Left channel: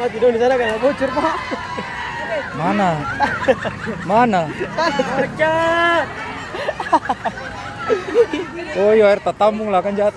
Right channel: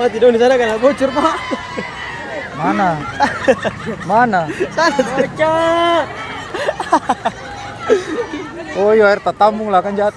Pak, tidur di sana kan bocor, Pak. Mana? Mana? Bocor. Oh iya, air tampung lah kan jahat.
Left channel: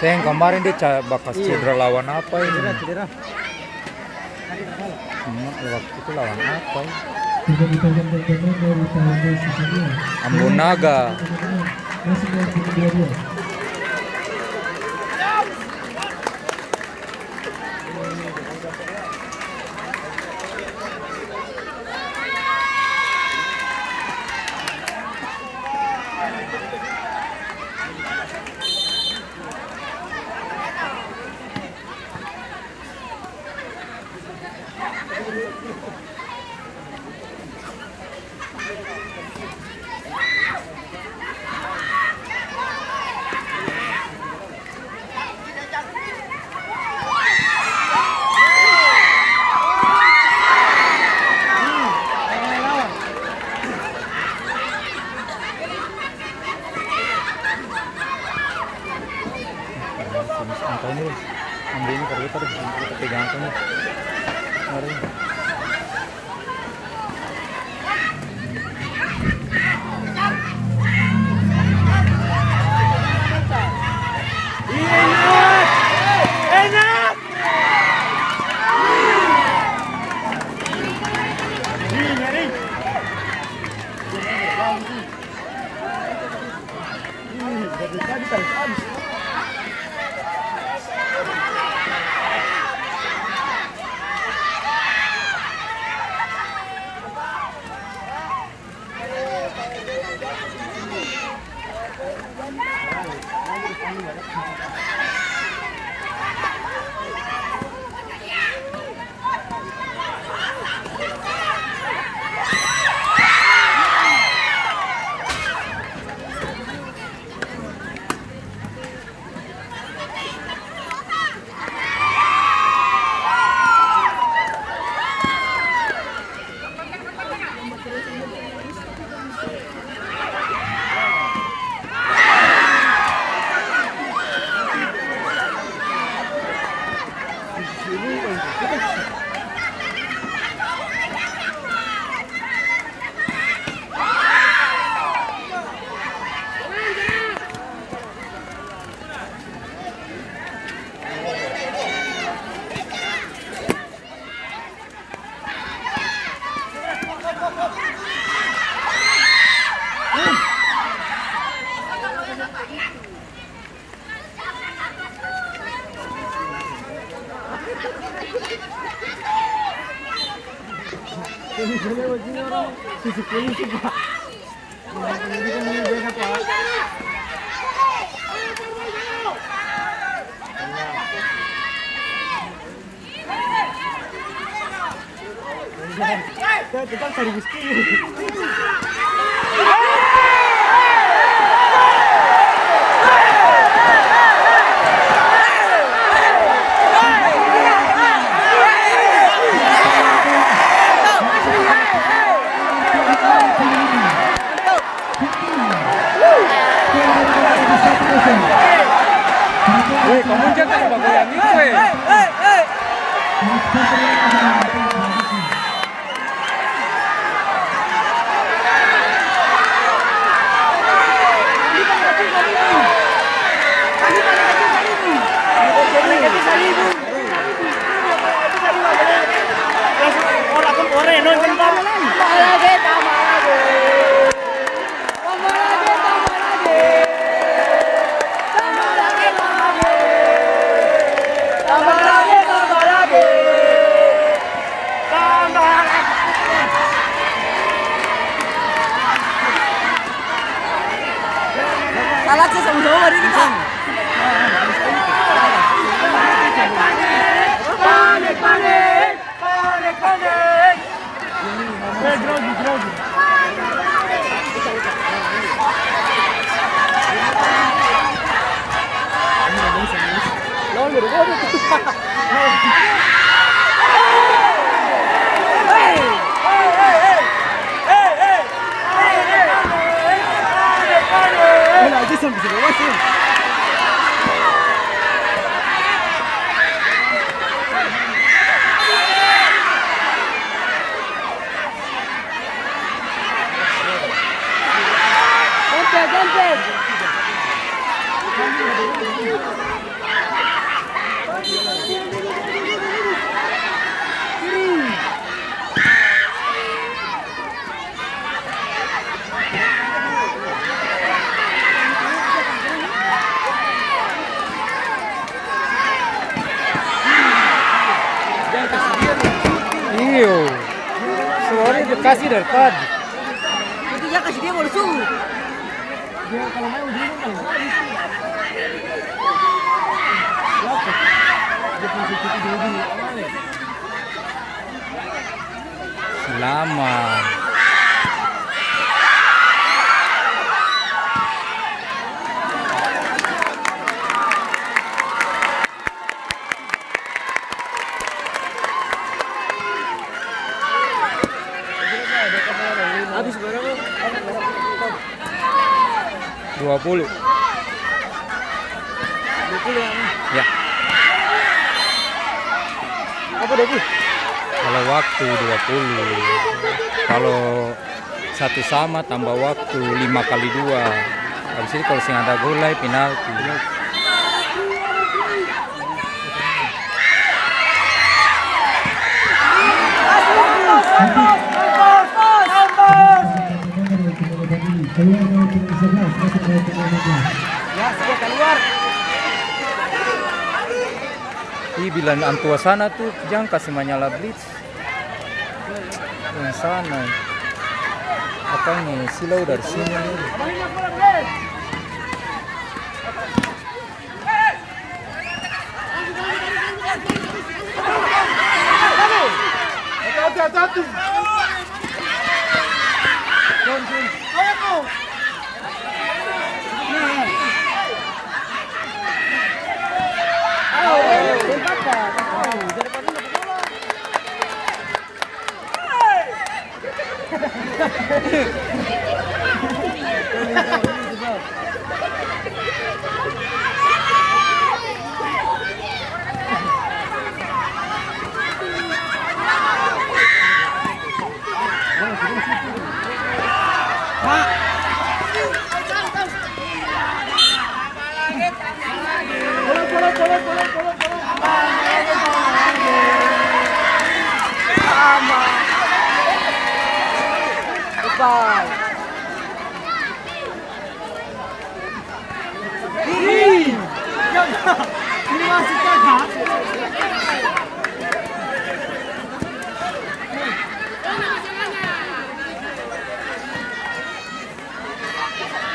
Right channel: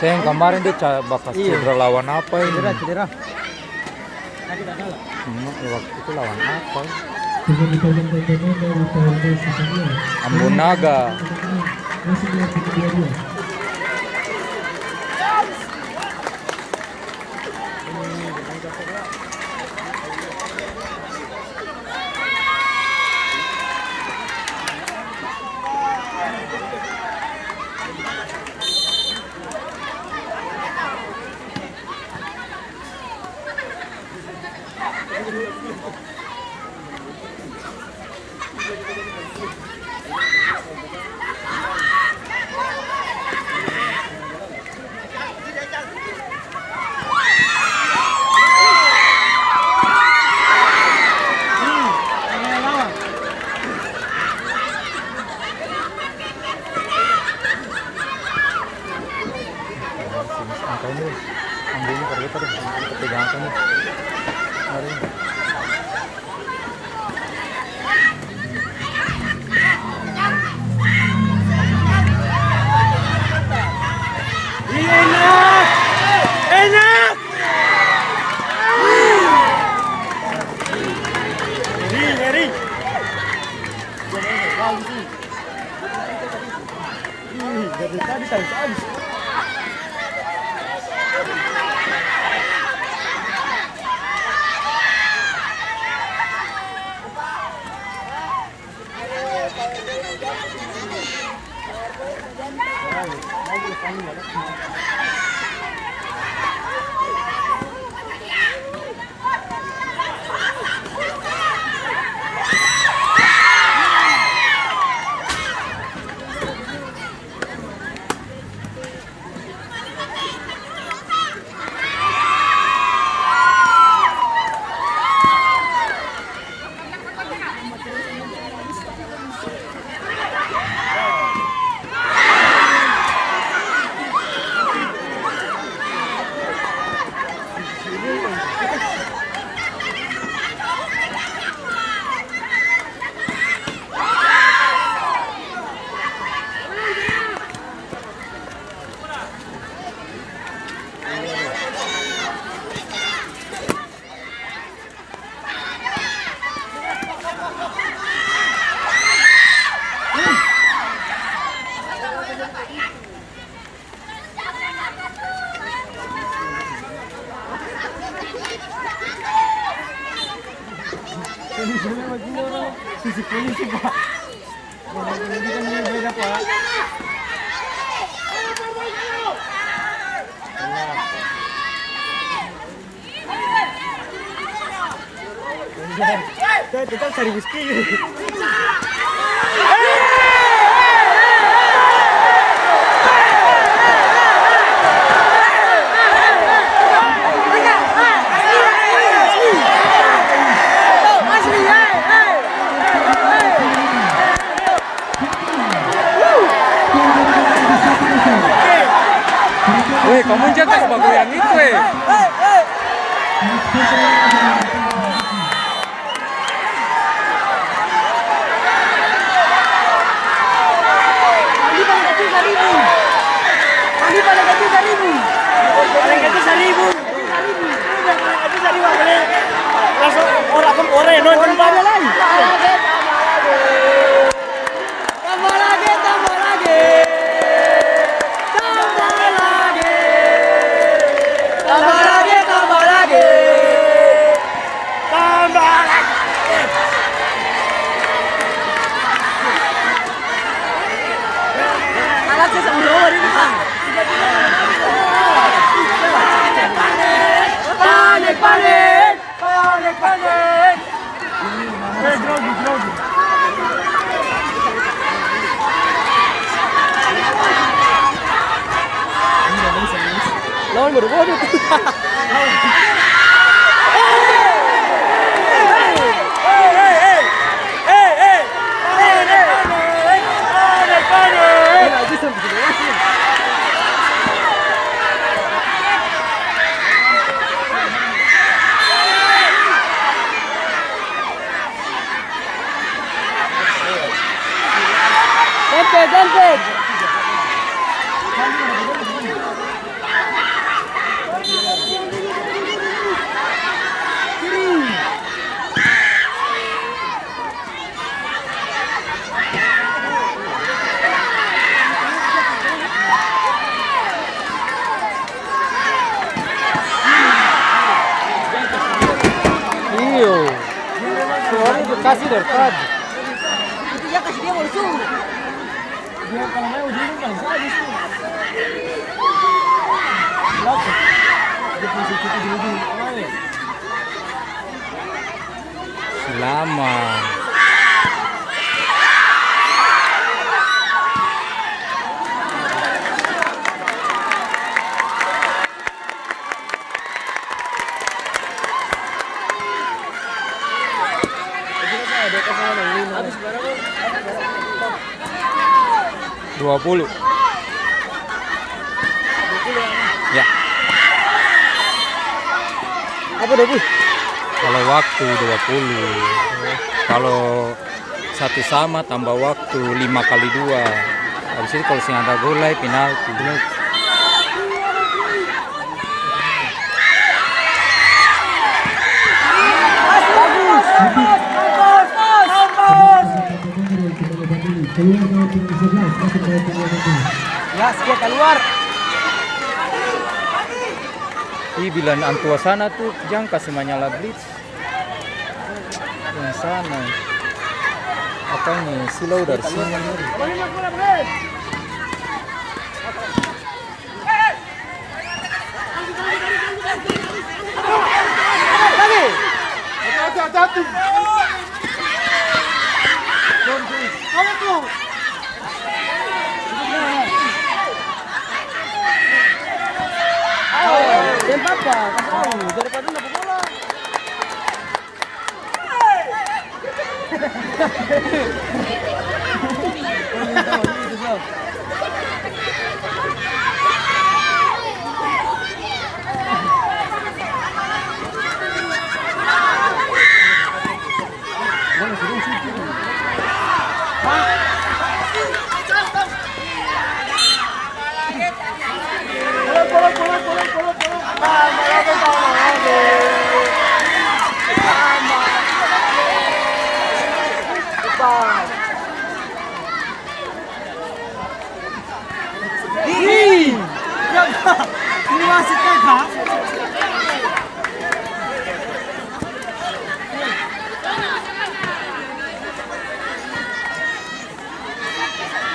Saya yang kemarin dia bakas cedera lawan apa ini? Cedera. Waktu itu lawan apa? Ambunaga. Angkanya ambil ini kalau kita pegang angkanya. Mari. Enak. Nyeri. Dari tadi habis. Sisi polisi, Pak. Pendidikan ini beda, Pak. Kita cari whisky. Kamu jangan sebagai yang itu, Iyo. Suara dikasih dari tadi. Itu dia kasih dia langsung. Dia kalau mau dulu kan. Selamat. Habis berapa? 20. 20 Ya. Apa 20? Kalau waktu 20. Kalau satu sama tambah waktu 5 kali 2. Habis itu kalau sing ada gol penalti. Ya, saya keluar. Ih, bila antua sana tuh jangan kasih menyala blitz. Yang sana. Apa ini? Silau dari sini. Hati-hati.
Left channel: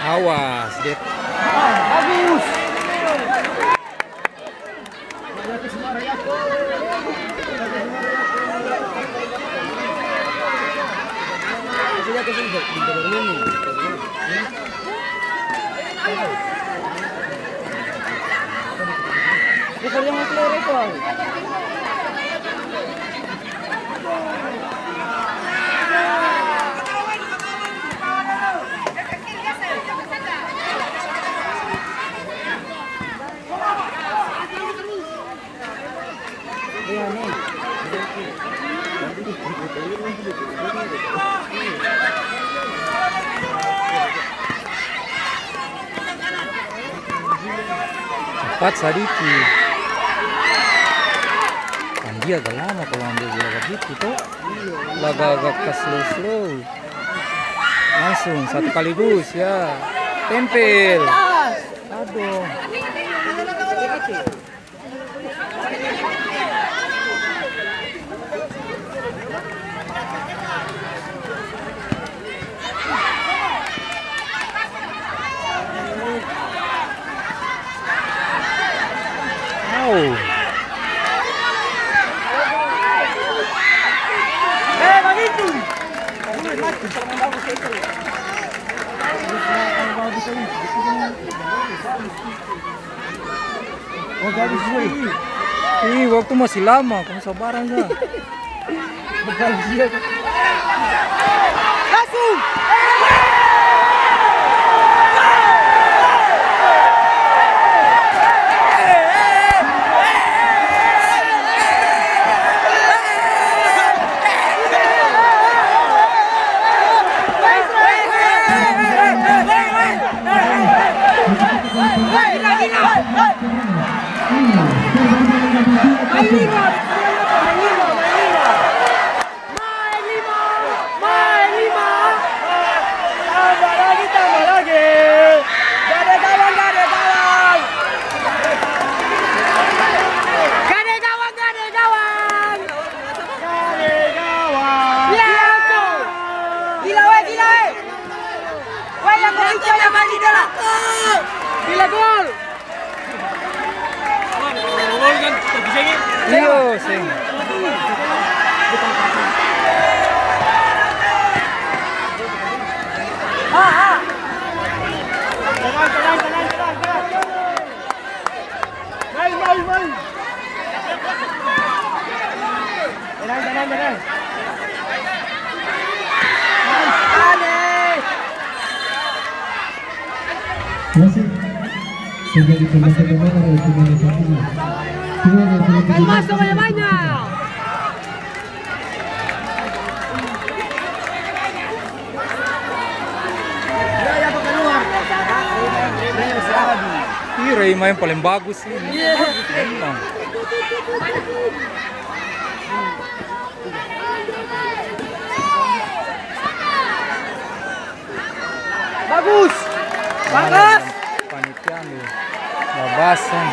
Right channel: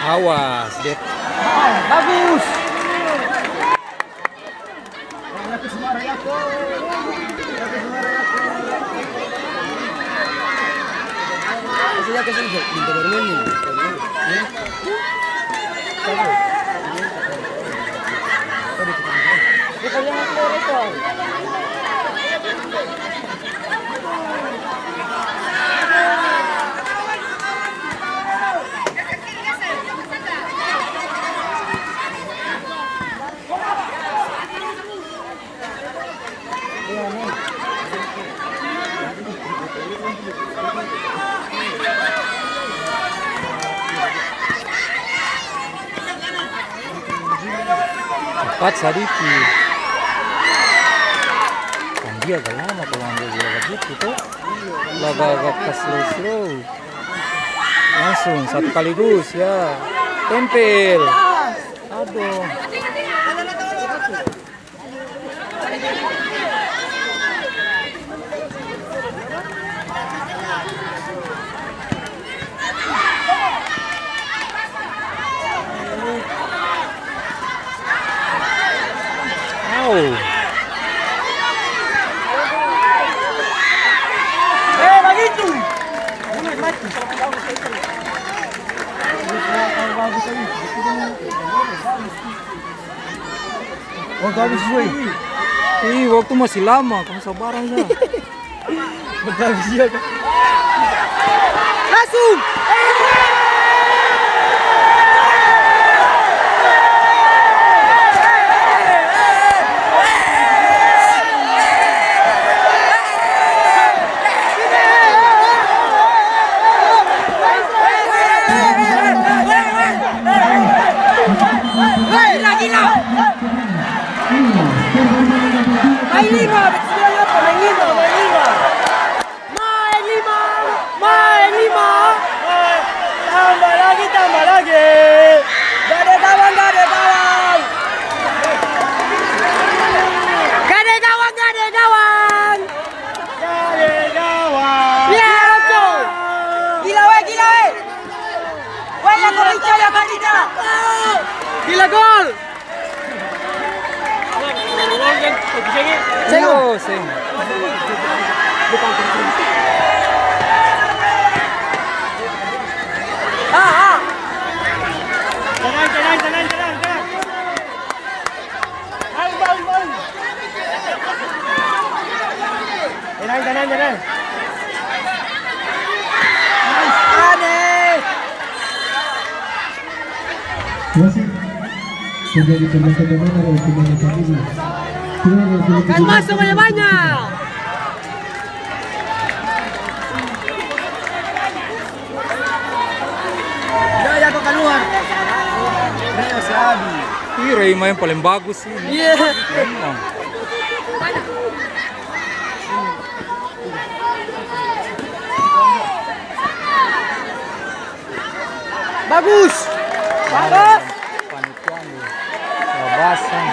Awas, dia. Bagus. cepat sedikit. Kan dia agak lama kalau ambil bola begitu tuh. Agak ke slow. Langsung satu kaligus ya. Tempel. Aduh. Au. Ih, waktu masih lama, kamu sabaran ya. Langsung. Gila gol. Iyo, sing. Tenang. Masih terjadi pergeseran oleh pemain ini. Kan masuk banyak. Ya tuh keluar. Ih, Reima yang paling bagus sih. Iya. Memang. Bagus. Bagus. Panitia nih. Labasan.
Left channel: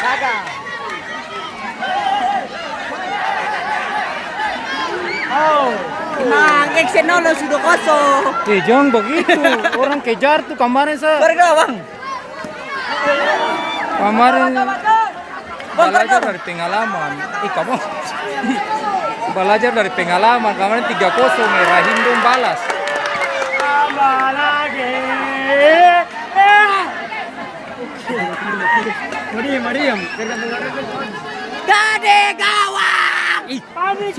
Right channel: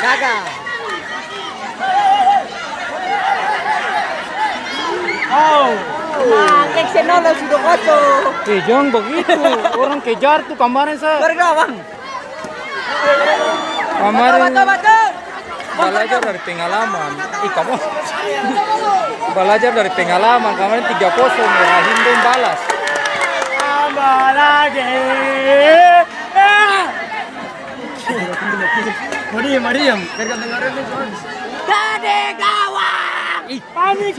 Kakak. Nah, Exenolo sudah kosong. Jangan begitu. Orang kejar tuh kemarin Warga bang. Kemarin belajar dari pengalaman. Kamu belajar dari pengalaman. Kemarin 3-0 Rahindung balas. Mariam. Gade gawang. Panik.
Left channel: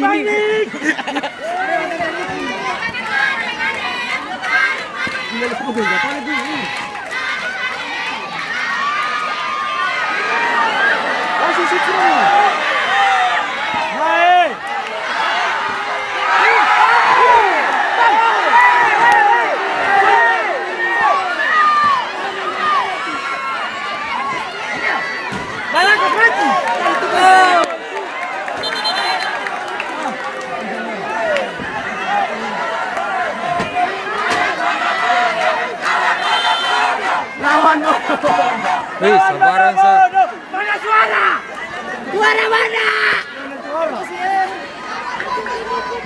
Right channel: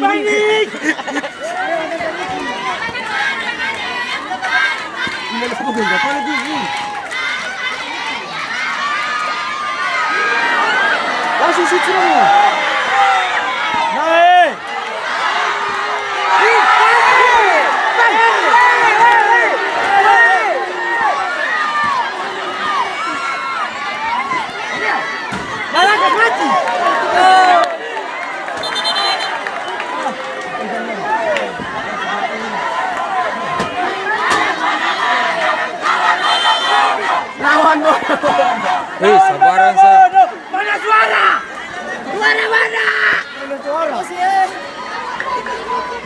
Hei, sabaran sa. Mana suara? Suara mana?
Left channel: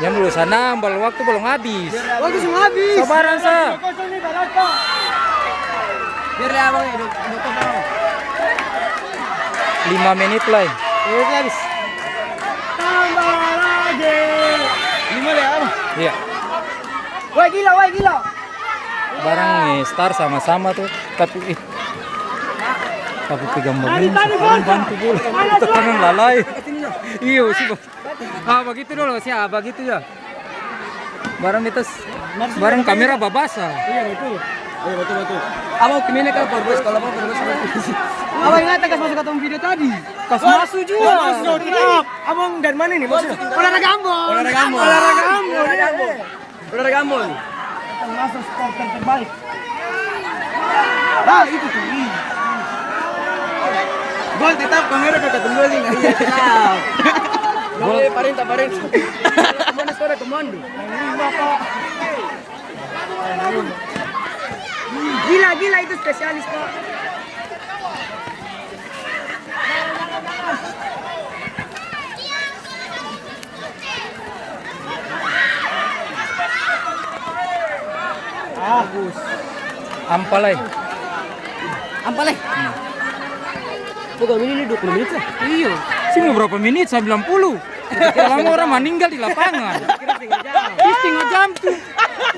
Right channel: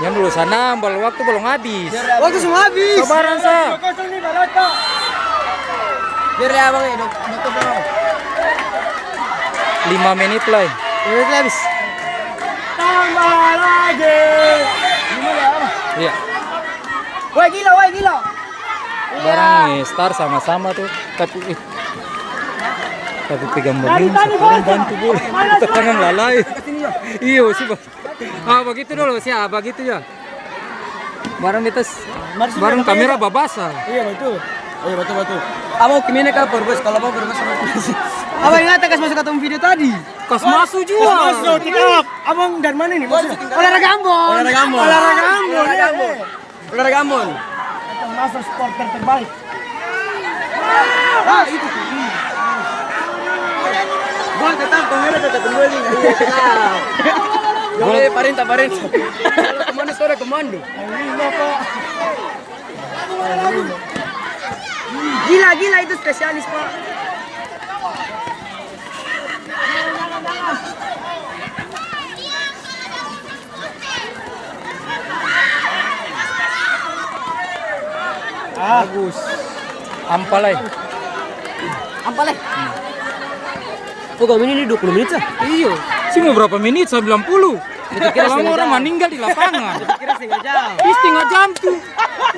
Yang dulu sana, waktu belum habis. Waktu semua habis. Sabaran sa. Biar ya bang, 5 menit lah. habis. Tambah lagi. Iya. Wah gila. Barang star sama-sama tuh. Tapi pegang begini, sekarang bantu boleh. Kita tangan lalai. Iya sih bang. Begitu dulu sih, begitu ya. Barang kamera babasa. Iya itu. Oh betul. Abang kemana kau perbus? Kalau abang perbus. Abang ingat kas masuk ketemu video tadi. Kas masuk juga. Abang dari mana nih? Olahraga Ambon. Olahraga Ambon. Master supporter terbaik. Ah, itu tuh. Gol tetap kembali. Gol. Parenta. Kemana sore komando? Gila itu spesialis, Pak. Bagus. Ampalai. Kok ini 20 menit sah? Iya. Sih mau berapa menit? 90. Kalau orang meninggal di lapangan. Kira setengah jam. Ih, setengah jam tuh.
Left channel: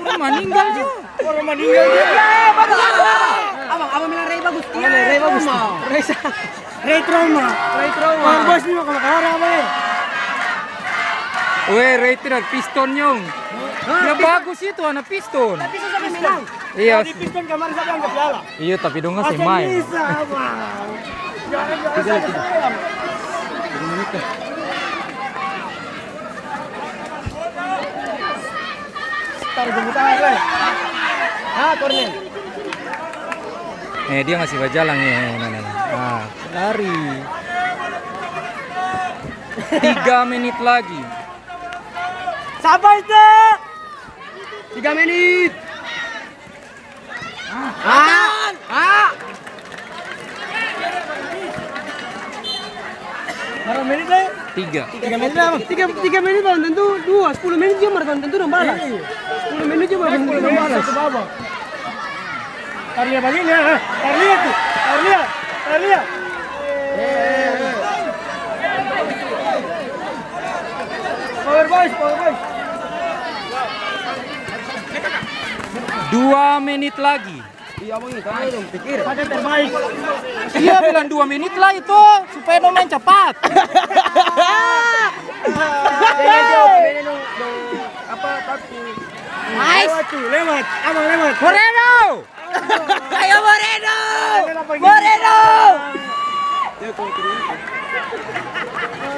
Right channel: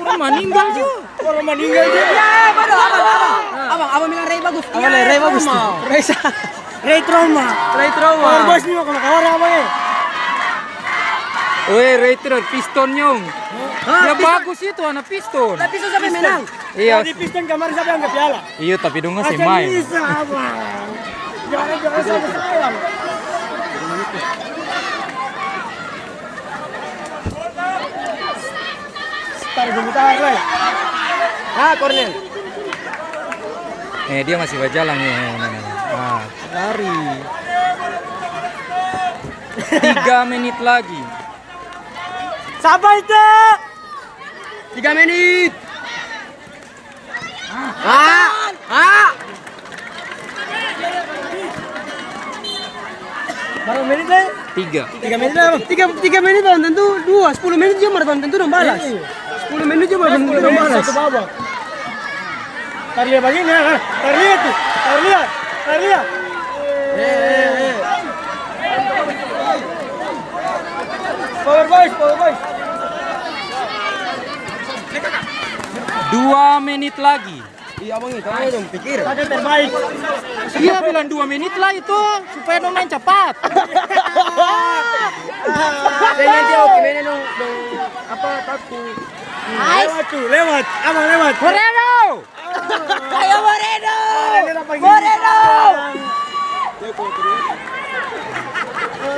Orang meninggal juga. Abang bilang Ray bagus. Ray bagus. Ray trauma. Bos nih mau keluar apa ya? Weh, Reiter piston nyong. Ya bagus itu anak piston. Tapi susah sampai menang. Iya. Di piston kemarin siapa yang nggak piala? Iya, tapi dong nggak sih main. Bisa apa? Jangan salah. Tarik jemput tangan, Cornel. Dia masih berjalan ya. Nah, lari. 3 menit lagi. Siapa itu? 3 menit. Berapa menit deh? 3. 3 menit lah. 3 menit belum tentu 2. 10 menit juga belum tentu dong balas. 10 menit juga belum tentu dong balas. Satu babak. Tarik begini ya. Tarik. Power boys. 2 menit lagi. Iya bang, itu yang pikir. Pakai terbaik. Dia bilang 2 menit lah itu supaya dong main cepat. Jangan jauh kemana dong apa takut. Lewat. Abang lewat. Moreno! Ayo Moreno.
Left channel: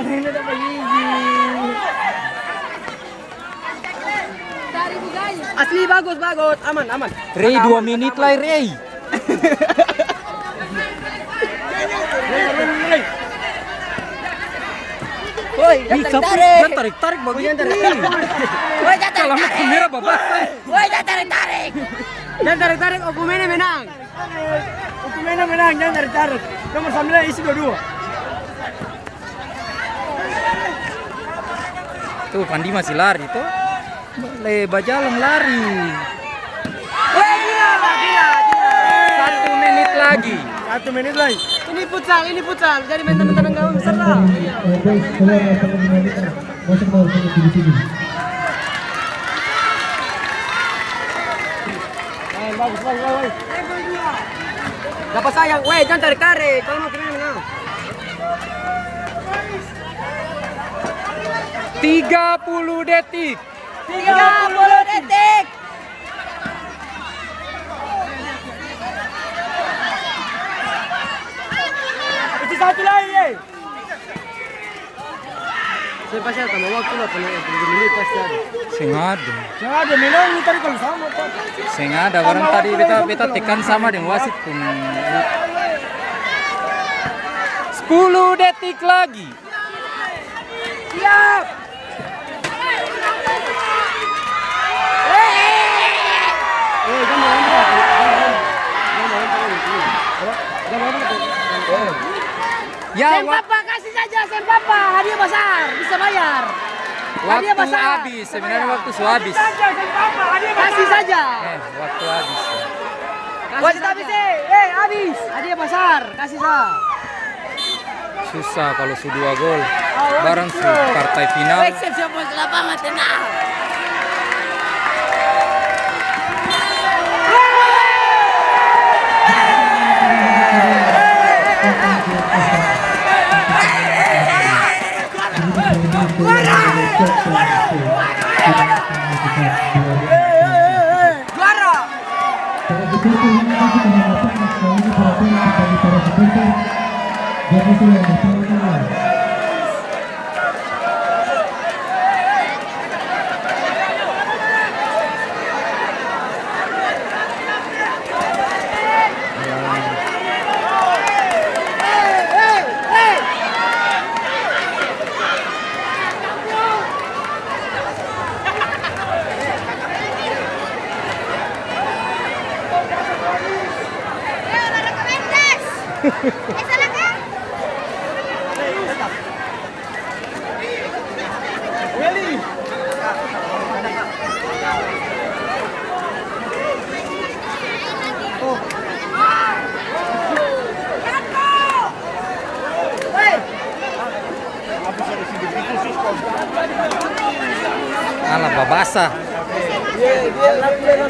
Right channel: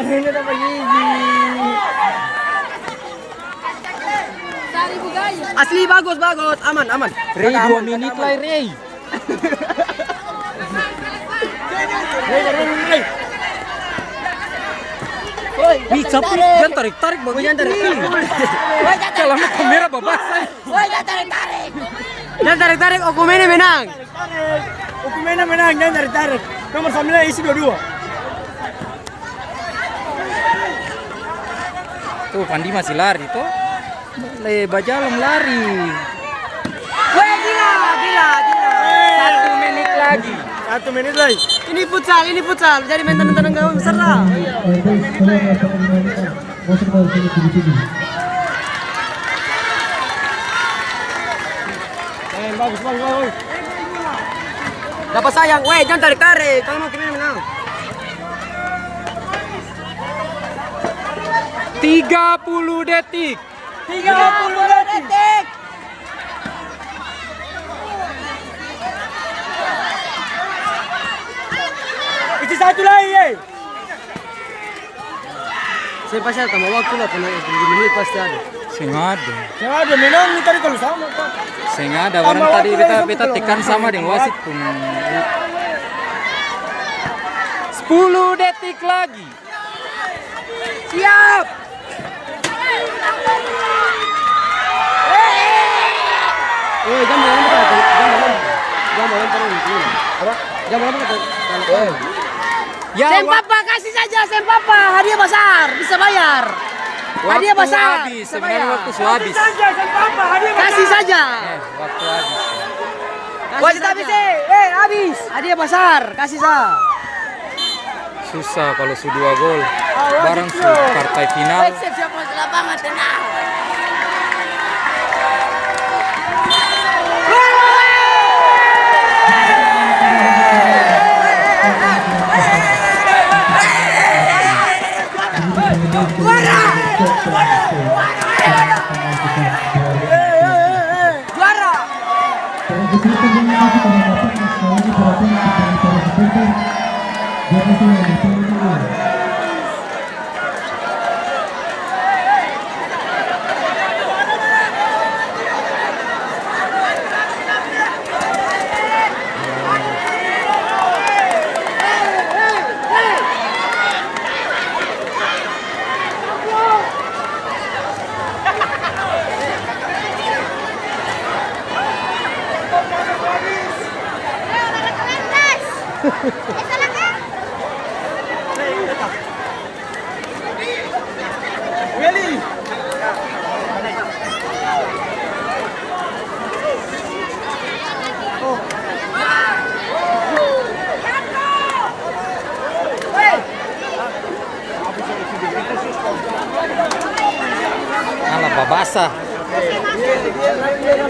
Ini dapat gigi. Asli bagus. Aman. Rey 2 menit lah Rey. Ih, capek, jangan tarik begitu nih. Kalau mau kamera babasai. Jangan tarik. Okumene menang. Hukumnya menang, jangan tarik. Nomor 9 isi 22. Tuh Pandi masih lari tuh. Bajalong lari. Gila. 1 menit lagi. 1 menit lagi. Ini futsal. Jadi menang gawang besar lah. Boys, kalian akan mengenalkan. Masuk ke sini. Bagus. Dapat sayang. Weh, jangan tarik. Kalau mau kemana menang. 30 detik. 30 detik. Isi 1 lagi, ye. Saya pasti ada tambah waktu lah, tambah 7 menit pasti ada. Sengaja. Jangan ada menang, ini tarik kalau sama. Sengaja orang tadi beta tekan sama dengan wasit pun. 10 detik lagi. Siap. Ya, Papa kasih saja Papa, hadiah besar, bisa bayar. waktu Hadiah besar. habis, sebenarnya waktu habis. Kasih saja. Waktu habis. Wasit habis habis. Hadiah besar, kasih saja. Susah kalau su 2 gol. Barang su partai final. Siapa lapangan tenang. Willy. Alah babasa.